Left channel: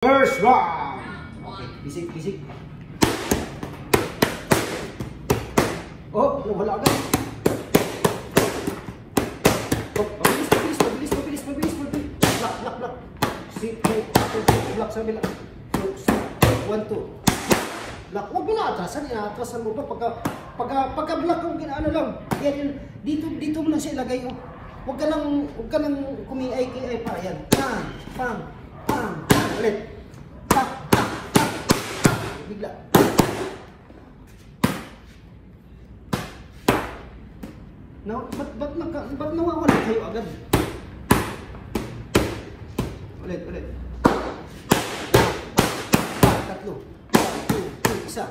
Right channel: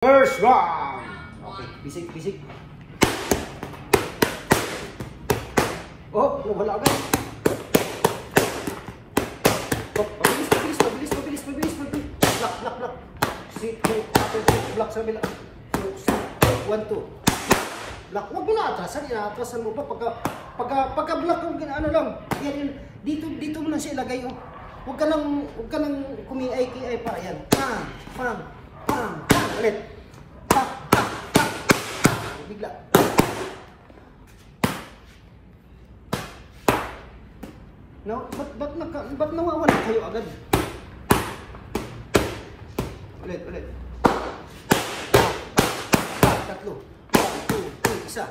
First round. Okay, bisik. Oh, wala agad. Oh, mabilis. Block. Block sa bila. 1, 2. Block. Huwag mo na atrasan. Inatrasan mo pa. Pagka block yung ano lang. Yan, dito mo lang siya ilagay. Huwag ka nang kumiay pa. Yan. Pam. Ulit. Bigla. No, ba't nawawala kayo agad? Ulit. Tatlo. Isa.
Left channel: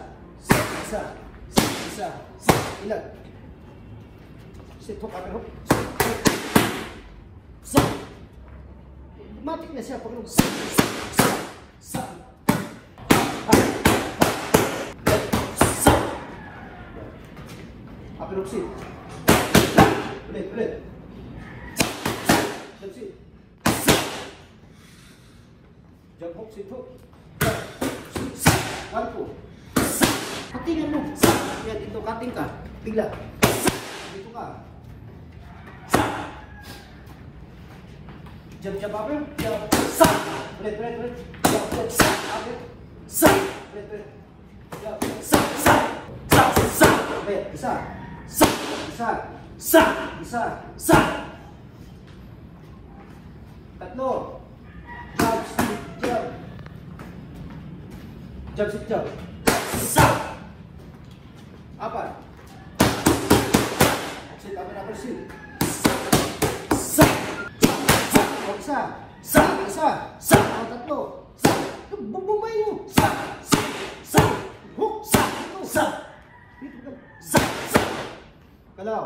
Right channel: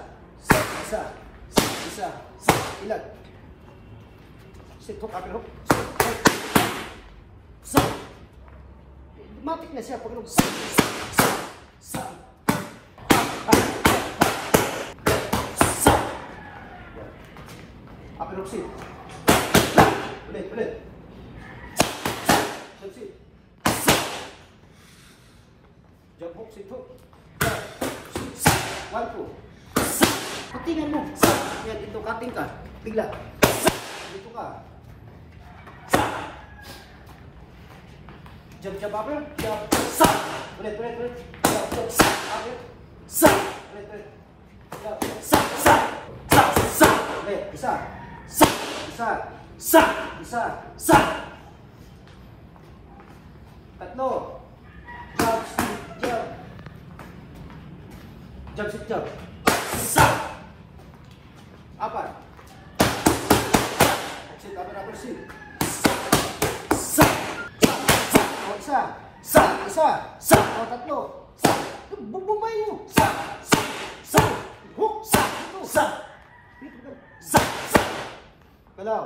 Ilan? Sit hook, upper hook. Matik na siya pag upper hook sit. Ulit. Sit. Jump hook, sit hook. Arpo. Patingan mo. Yan, dito cutting ka. Bigla. Dito ka. Jump upper. Ulit. Isa. Tatlo. Jump. Apat. Upper sit. Isa. Tatlo. Bumabay mo. Hook. Kalaw.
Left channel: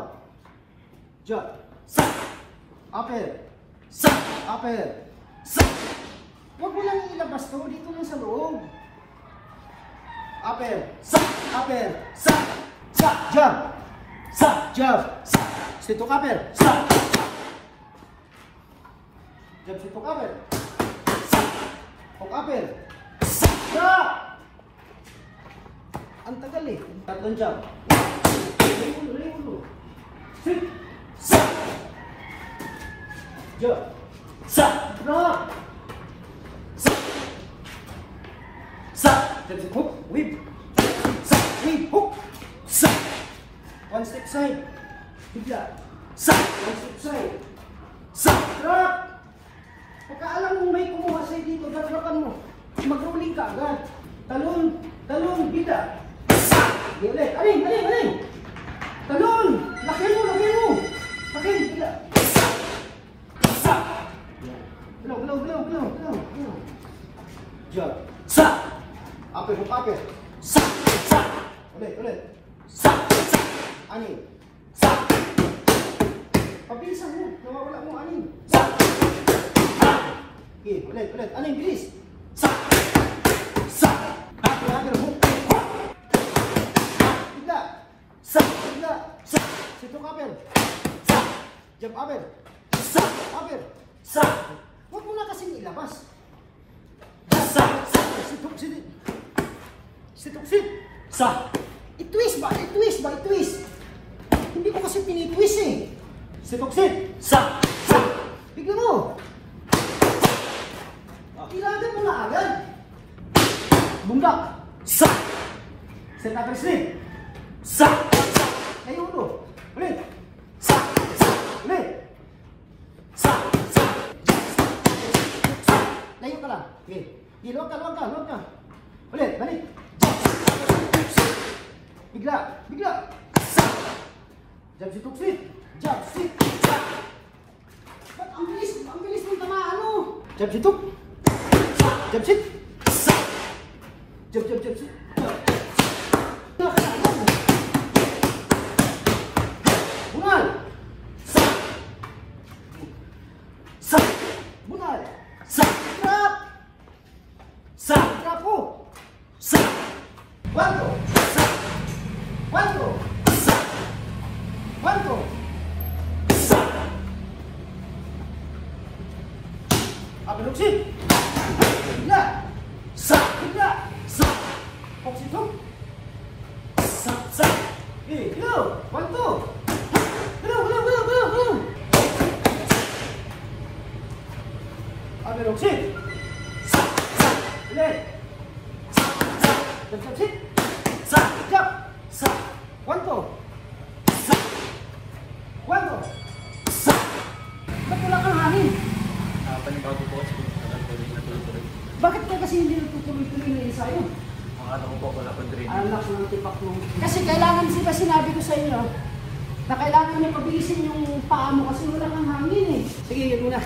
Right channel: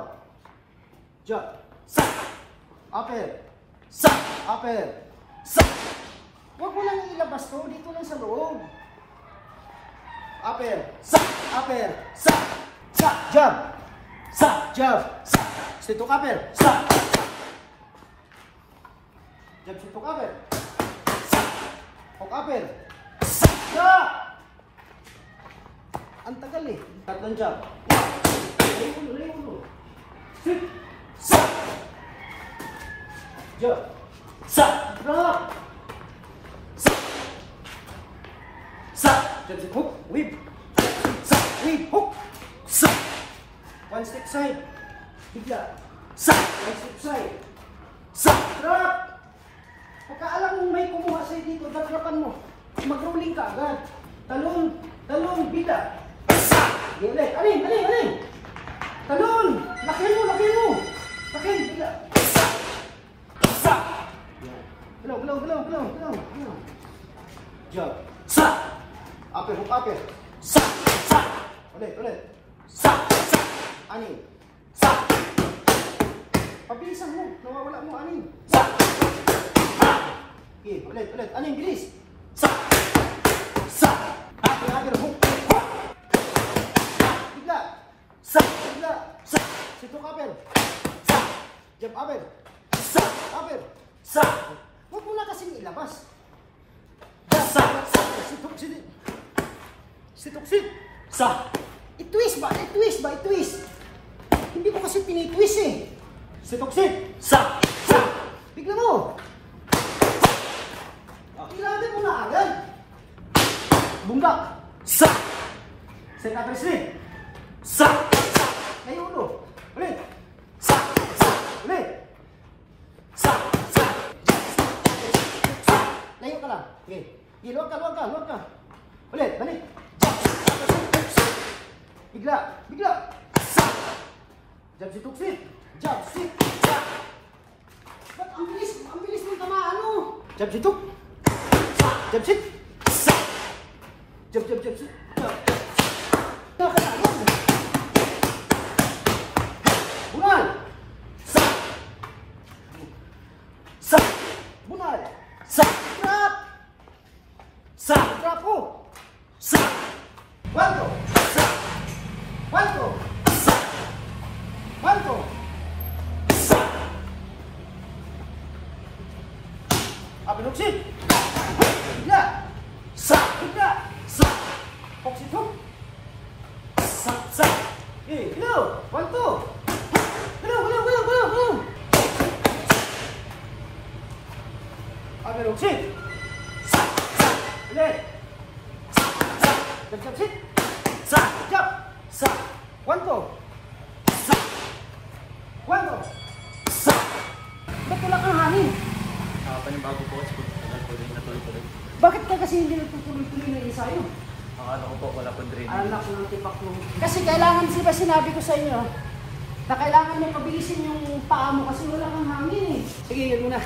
Jump. Upper. Huwag mo lang ilabas ko. Dito lang sa loob. Upper. Jump. Sit hook upper. Jump sit hook upper. Hook upper. Jump. Ang tagal eh. Tatlong jump. Sit. Jump. Jump sit hook. Whip. Hook. One step side. Bigla. One step side. Drop. Pagkaalam mo may kumuha sa'yo dito, dalawakan mo. Mag-rolling ka agad. Talon, bida. Ulit. Aling. Talon. Laki mo. Bida. Galaw. Jump. Upper hook upper. Ulit. Aning. Pabilisan mo. Nawawala mo aning. Okay, ulit. Aning, bilis. Upper hook. Bigla. Sit hook upper. Jump upper. Huwag mo na kasing ilabas. Sit hook sit. I-twist ba? Hindi ko kasi pinitwist eh. Sit hook sit. Bigla mo. Ilagay mo na agad. Bumlak. Sit upper slip. Ngayon ulo. Ulit. Layo ka lang. Okay. Luwag ka. Ulit. Balik. Bigla. Jump sit hook sit. Ba't ang bilis mo tamaan mo? Jump sit hook. Jump sit. Jump sit. Bunal. Bunal. Drop ko. One, two. Upper hook sit. Yeah. two. 1, 2. Go. Agad, sit. Ulit. Sit. Jump. 1, 2. 1, 2. Ba't wala kang hangin? Panibago po kasi natuloy. Bakit ka kasi hindi nagtutuloy-tuloy ng ensayo? Ano ko po, wala po dream. Anak ng tipak mo. Kasi kailangan, di ba sinabi ko sa inyo, na kailangan niya pabilisin yung paa mo kasi wala kang hangin eh. Sige, yun muna.